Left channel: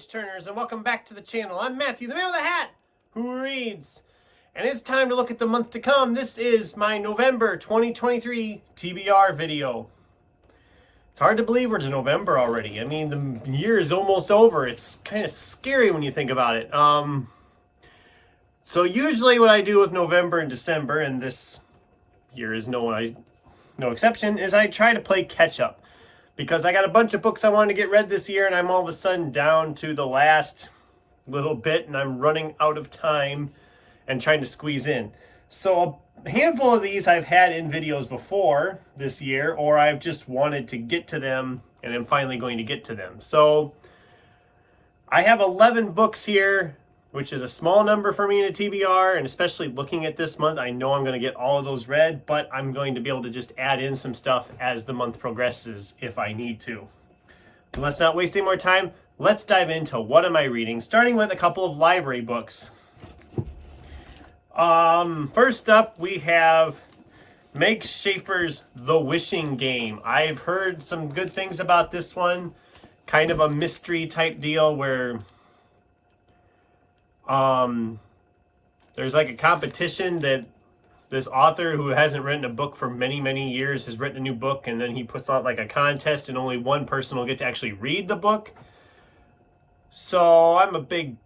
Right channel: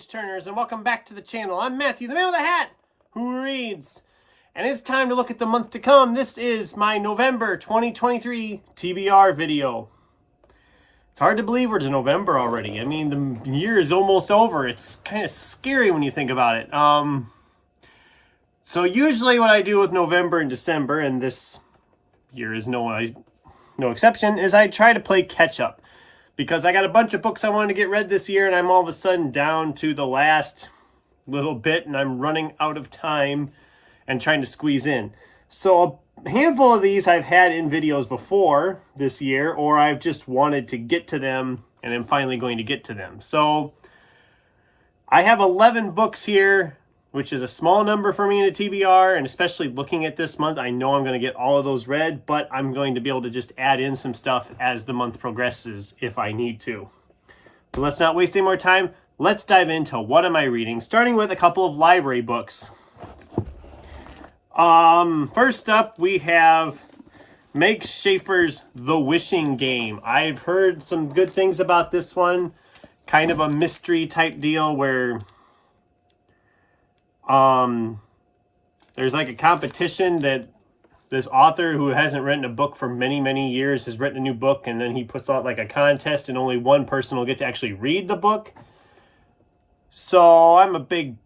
page-turners, and welcome back to the channel. I'm Matthew, the man with the hat, who reads. And it's time to look at the month to come. This is my November 2023 TBR video. It's hard to believe we're to November already. I mean, the year is almost over. It's kind of scary when you think about it. So usually what I do with November and December, and this year is no exception, is I try to play catch-up. Because I got a bunch of books I wanted to get read this year, and I'm all of a sudden down to the last little bit, and I'm running out of time and trying to squeeze in. So a handful of these I've had in videos before this year, or I've just wanted to get to them, and I'm finally going to get to them. So I have 11 books here, which is a small number for me in a TBR, and especially looking at this month, I know I'm going to get all of those read, but I'm going to be able to just add in some stuff as the month progresses if I need to. But let's not waste any more time. Let's dive into what am I reading, starting with a couple of library books. First up, we have Meg Schaefer's The Wishing Game. I've heard some good things about this one. Kind of a mystery type deal where there's like a competition that this author who hasn't written a book for many, many years has written a new book, and then he puts out like a contest and only one person will get to actually read the book. So I'm a big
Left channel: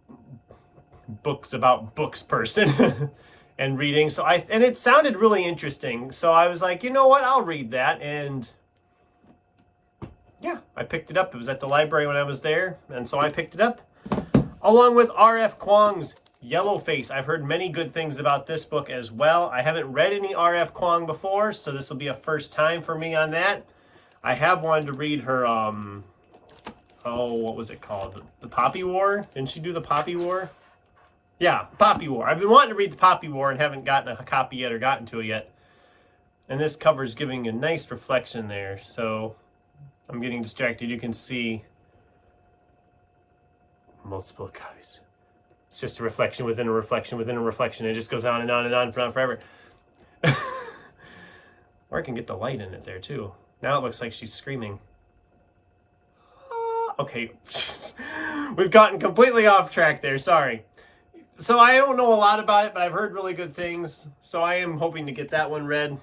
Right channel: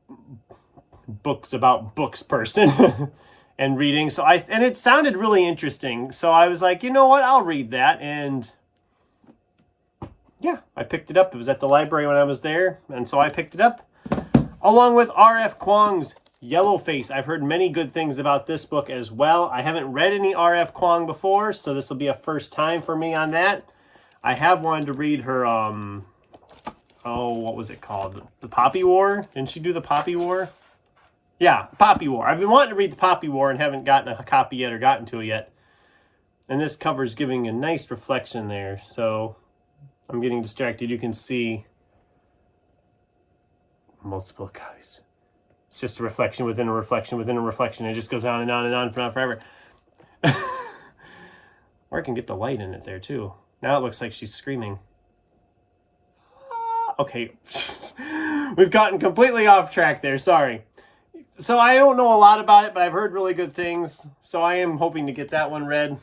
books about books person and reading. And it sounded really interesting. So I was like, you know what? I'll read that. And yeah, I picked it up. It was at the library when I was there. And so I picked it up along with R.F. Kuang's Yellowface. I've heard many good things about this book as well. I haven't read any R.F. Kuang before, so this will be a first time for me on that. I have wanted to read her, what was it called? The Poppy War? Didn't she do the Poppy War? Yeah, Poppy War. I've been wanting to read the Poppy War and haven't gotten a copy yet or gotten to it yet. And this cover's giving a nice reflection there, so I'm getting distracted. You can see multiple copies. It's just a reflection within a reflection within a reflection. It just goes on and on and on for not forever. Or I can get the light in it there too. Now it looks like she's screaming. Okay. We've gotten completely off track there. Sorry. So I don't know a lot about it, but I've heard really good things. So I am hoping to get that one read.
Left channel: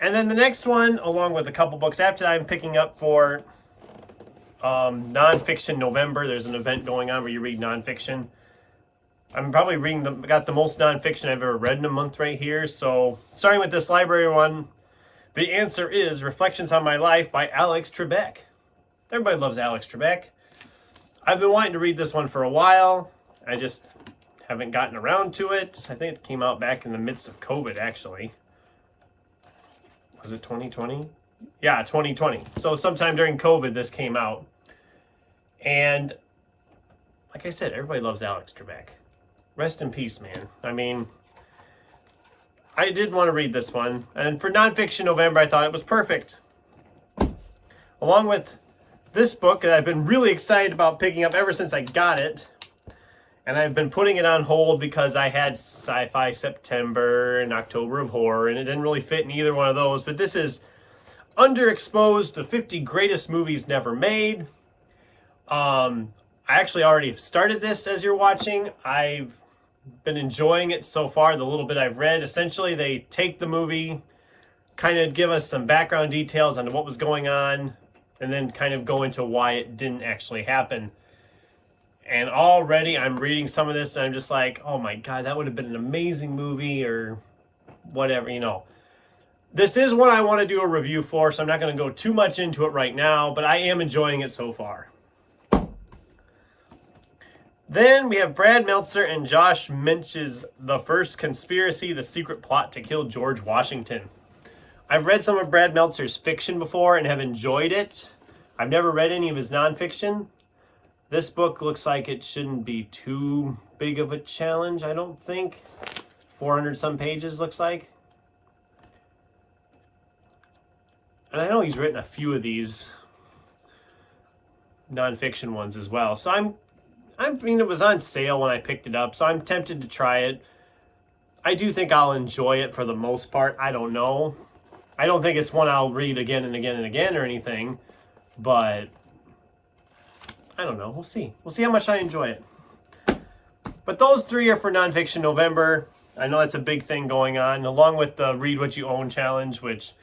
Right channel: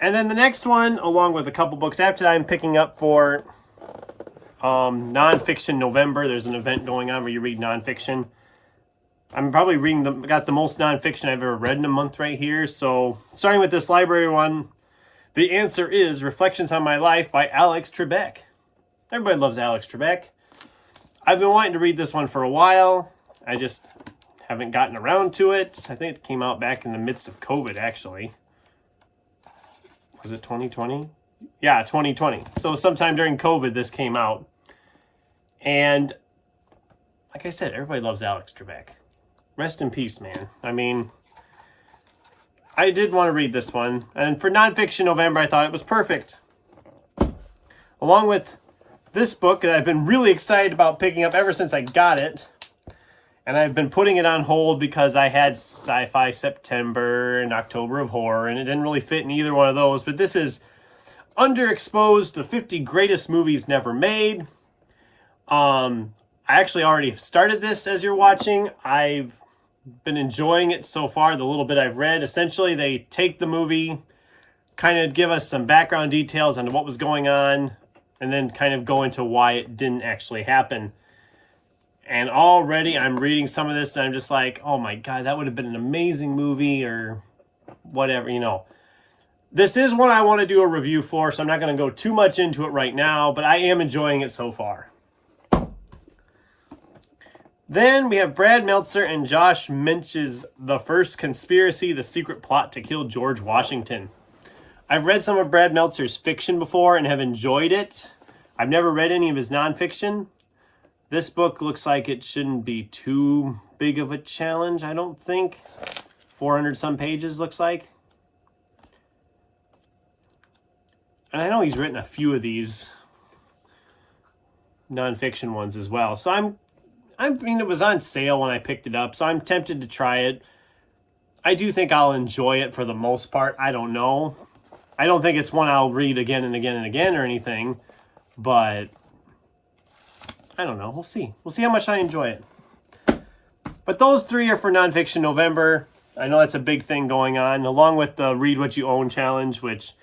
And then the next one, along with a couple books after that, I'm picking up for nonfiction November. There's an event going on where you read nonfiction. I'm probably got the most nonfiction I've ever read in a month right here. So starting with this library one, the answer is Reflections on My Life by Alex Trebek. Everybody loves Alex Trebek. I've been wanting to read this one for a while. I just haven't gotten around to it. I think it came out back in the midst of COVID, actually. Was it 2020? Yeah, 2020. So sometime during COVID, this came out. And like I said, everybody loves Alex Trebek. Rest in peace, man. I mean, I did want to read this one. And for nonfiction November, I thought it was perfect. Along with this book that I've been really excited about picking up ever since I got it. And I've been putting it on hold because I had Sci-Fi September and October of Horror, and it didn't really fit in either one of those. But this is Underexposed, the 50 greatest movies never made. I actually already started this as you're watching. I've been enjoying it so far, the little bit I've read. Essentially, they take the movie, kind of give us some background details on what was going on, and then kind of go into why it didn't actually happen. And already I'm reading some of this, and I'm just like, oh my God, that would have been an amazing movie or whatever, you know. This is one I want to do a review for, so I'm not going to go too much into it right now, but I am enjoying it so far. Then we have Brad Meltzer and Josh Mench's The First Conspiracy, The Secret Plot to Kill George Washington. I've read some of Brad Meltzer's fiction before and have enjoyed it. I've never read any of his nonfiction. This book looks like it shouldn't be too big of a challenge, I don't think. 400 some pages looks like. And I know he's written a few of these nonfiction ones as well. So I mean, it was on sale when I picked it up, so I'm tempted to try it. I do think I'll enjoy it for the most part. I don't know. I don't think it's one I'll read again and again and again or anything, but I don't know. We'll see. We'll see how much I enjoy it. But those 3 are for Nonfiction November. I know that's a big thing going on, along with the Read What You Own challenge, which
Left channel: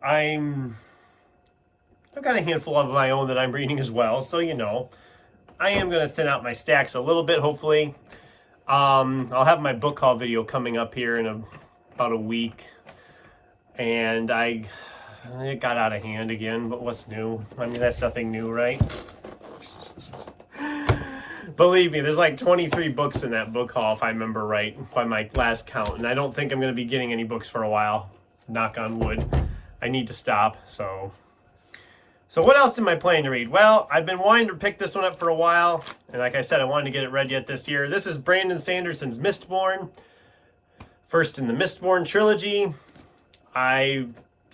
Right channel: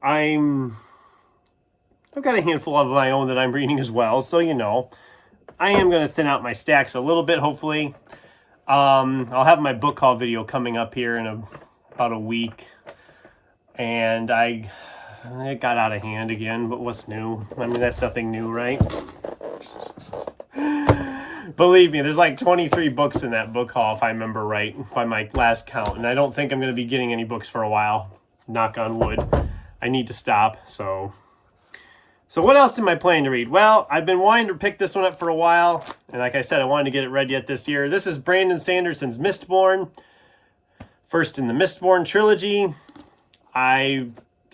I've got a handful of my own that I'm reading as well. So, you know, I am going to thin out my stacks a little bit, hopefully. I'll have my book haul video coming up here in about a week. And it got out of hand again, but what's new? I mean, that's nothing new, right? Believe me, there's like 23 books in that book haul, if I remember right, by my last count. And I don't think I'm going to be getting any books for a while. Knock on wood. I need to stop, so what else am I planning to read? Well, I've been wanting to pick this one up for a while. And like I said, I wanted to get it read yet this year. This is Brandon Sanderson's Mistborn. First in the Mistborn trilogy. I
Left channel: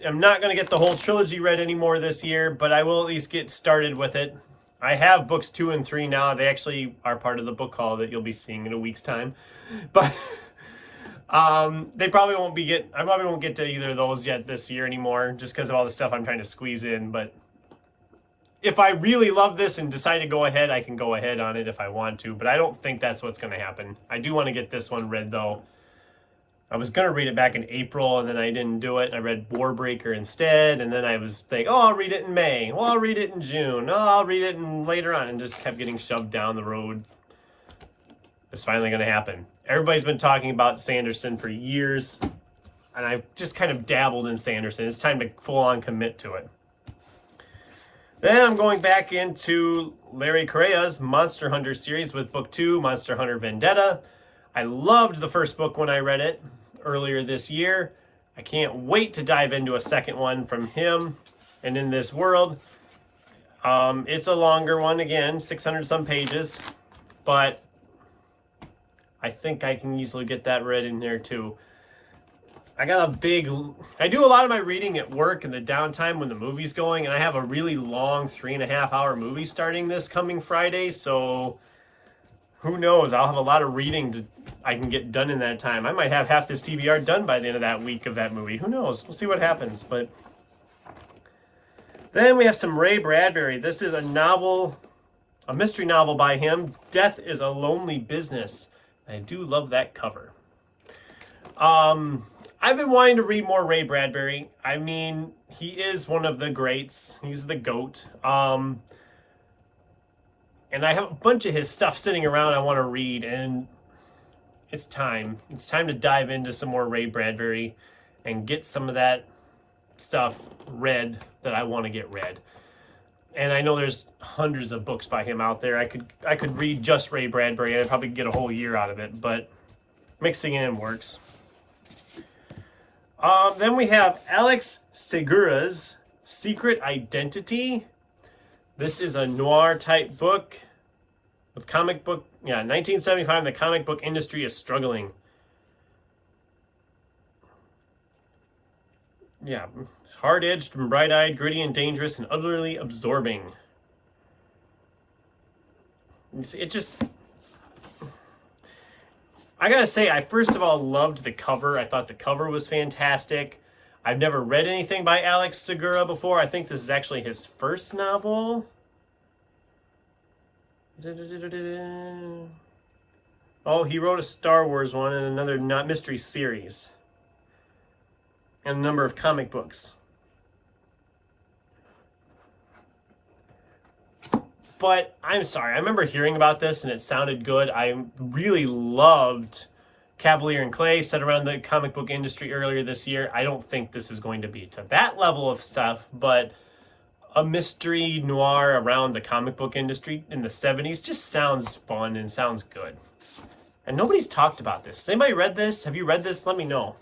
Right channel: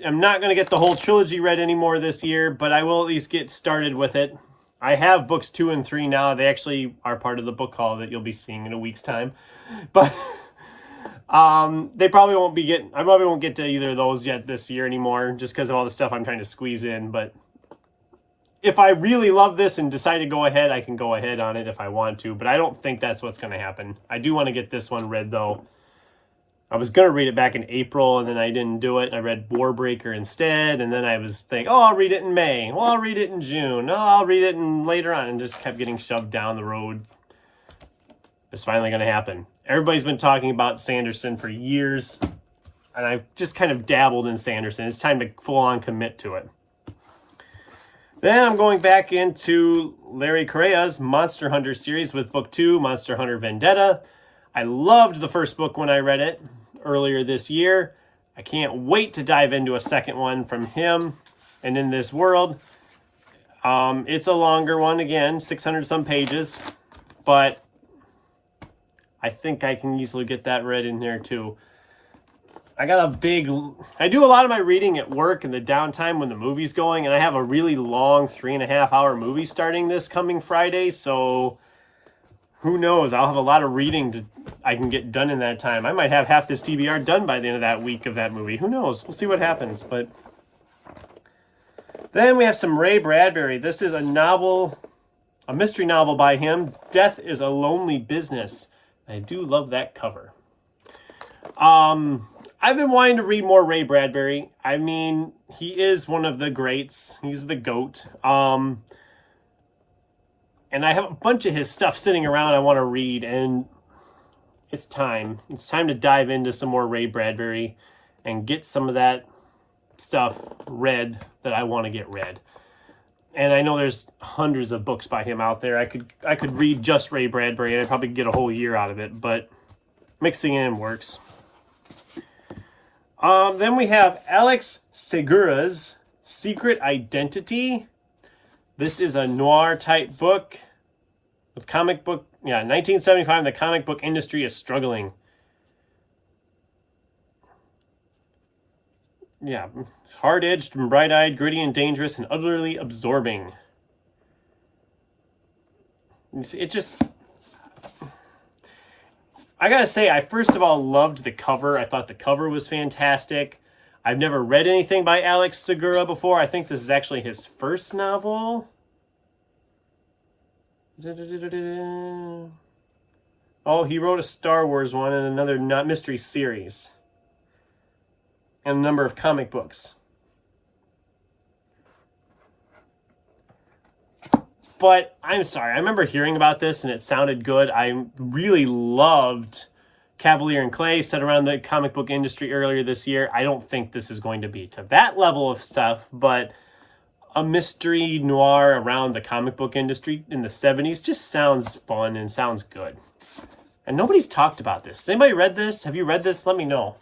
am not going to get the whole trilogy read anymore this year, but I will at least get started with it. I have books 2 and 3 now. They actually are part of the book haul that you'll be seeing in a week's time. But they probably won't be I probably won't get to either of those yet this year anymore, just because of all the stuff I'm trying to squeeze in. But if I really love this and decide to go ahead, I can go ahead on it if I want to. But I don't think that's what's going to happen. I do want to get this one read, though. I was going to read it back in April, and then I didn't do it. I read Warbreaker instead, and then I was thinking, oh, I'll read it in May. Well, I'll read it in June. Oh, I'll read it later on, and just kept getting shoved down the road. It's finally going to happen. Everybody's been talking about Sanderson for years, and I've just kind of dabbled in Sanderson. It's time to full-on commit to it. Then I'm going back into Larry Correa's Monster Hunter series with book 2, Monster Hunter Vendetta. I loved the first book when I read it earlier this year. I can't wait to dive into a second one from him and in this world. It's a longer one, again, 600 some pages, but I think I can easily get that read in there too. I do a lot of my reading at work in the downtime when the movie's going, and I have a really long 3.5-hour movie starting this coming Friday, so who knows? I'll have a lot of reading I can get done in that time. I might have half this TBR done by the end of that week of that movie. Who knows? We'll see what happens. But then we have some Ray Bradbury. This is a mystery novel by him. Death is a Lonely Business. I do love that cover. I've been wanting to read more Ray Bradbury. I mean, he is one of the greats. He's the GOAT. And I have a bunch of his stuff sitting around I want to read, and it's time. It's time to dive into some more Ray Bradbury and get some of that stuff read that I want to get read. And I know there's hundreds of books by him out there. I could read just Ray Bradbury, and I'd probably get a whole year out of it, but mixing it in works. Then we have Alex Segura's Secret Identity. This is a noir type book with 1975, the comic book industry is struggling. Yeah, it's hard-edged and bright-eyed, gritty and dangerous, and utterly absorbing. It just... I gotta say, I first of all loved the cover. I thought the cover was fantastic. I've never read anything by Alex Segura before. I think this is actually his first novel. Oh, he wrote a Star Wars one and another mystery series. And a number of comic books. But I'm sorry, I remember hearing about this and it sounded good. I really loved Cavalier and Clay, set around the comic book industry earlier this year. I don't think this is going to be to that level of stuff, but a mystery noir around the comic book industry in the 70s just sounds fun and sounds good. And nobody's talked about this. Has anybody read this? Have you read this? Let me know.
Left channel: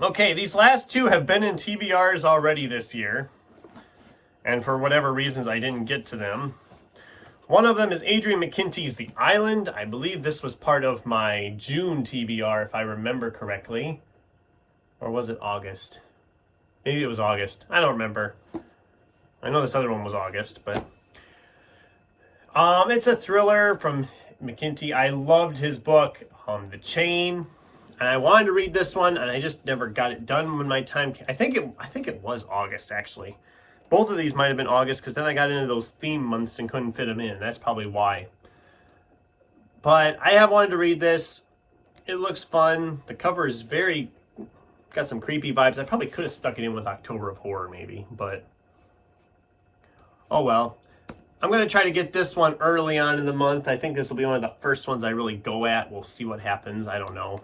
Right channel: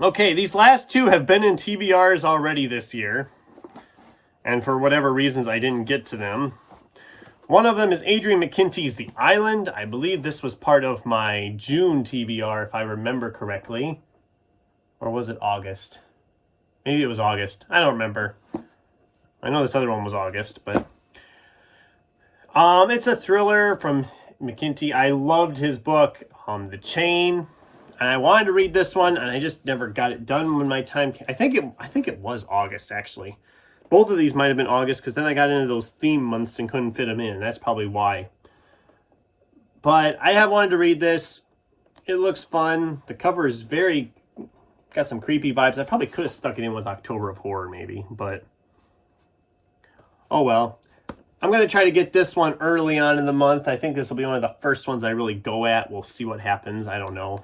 Okay, these last two have been in TBRs already this year. And for whatever reasons, I didn't get to them. One of them is Adrian McKinty's The Island. I believe this was part of my June TBR, if I remember correctly. Or was it August? Maybe it was August. I don't remember. I know this other one was August, but... it's a thriller from McKinty. I loved his book, The Chain. And I wanted to read this one, and I just never got it done when my time came. I think it was August, actually. Both of these might have been August, because then I got into those theme months and couldn't fit them in. That's probably why. But I have wanted to read this. It looks fun. The cover is got some creepy vibes. I probably could have stuck it in with October of Horror maybe, but oh well. I'm going to try to get this one early on in the month. I think this will be one of the first ones I really go at. We'll see what happens. I don't know.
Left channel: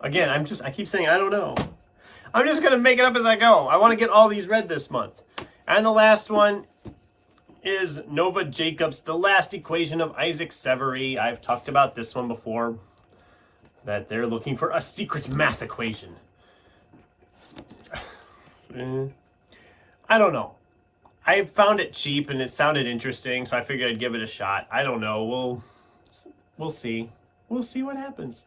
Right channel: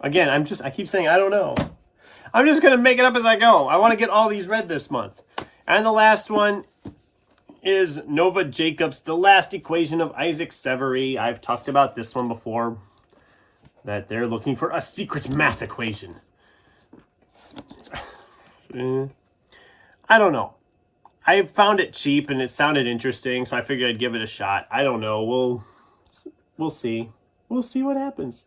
Again, I keep saying I don't know. I'm just going to make it up as I go. I want to get all these read this month. And the last one is Nova Jacobs, The Last Equation of Isaac Severy. I've talked about this one before, that they're looking for a secret math equation. I don't know. I found it cheap and it sounded interesting, so I figured I'd give it a shot. I don't know. We'll see. We'll see what happens.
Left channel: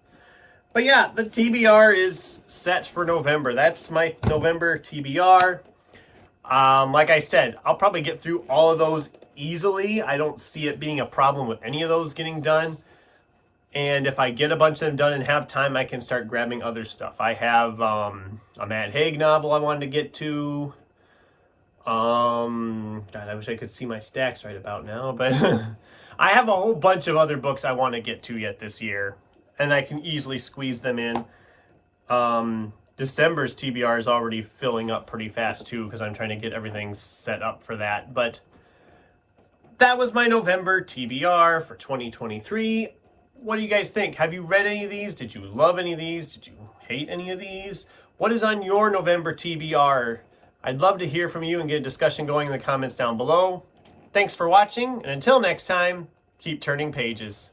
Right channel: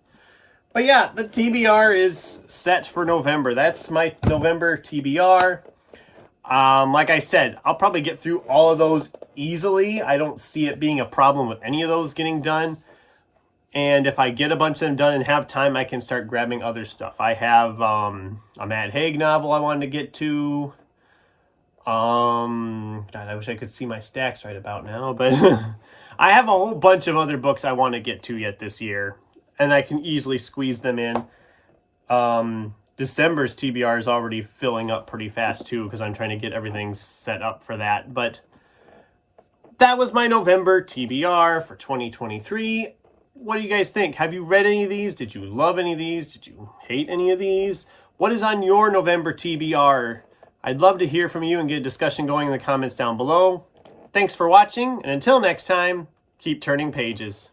But yeah, the TBR is set for November. That's my November TBR. Like I said, I'll probably get through all of those easily. I don't see it being a problem with any of those getting done. And if I get a bunch of them done and have time, I can start grabbing other stuff. I have a Matt Haig novel I wanted to get to. God, I wish I could see my stacks right about now, but I have a whole bunch of other books I want to get to yet this year, and I can easily squeeze them in. December's TBR is already filling up pretty fast too, because I'm trying to get everything set up for that. But that was my November TBR for 2023. What do you guys think? Have you read any of these? Did you love any of these? Did you hate any of these? What is on your November TBR? I'd love to hear from you and get a discussion going in the comments down below. Thanks for watching, and until next time, keep turning pages.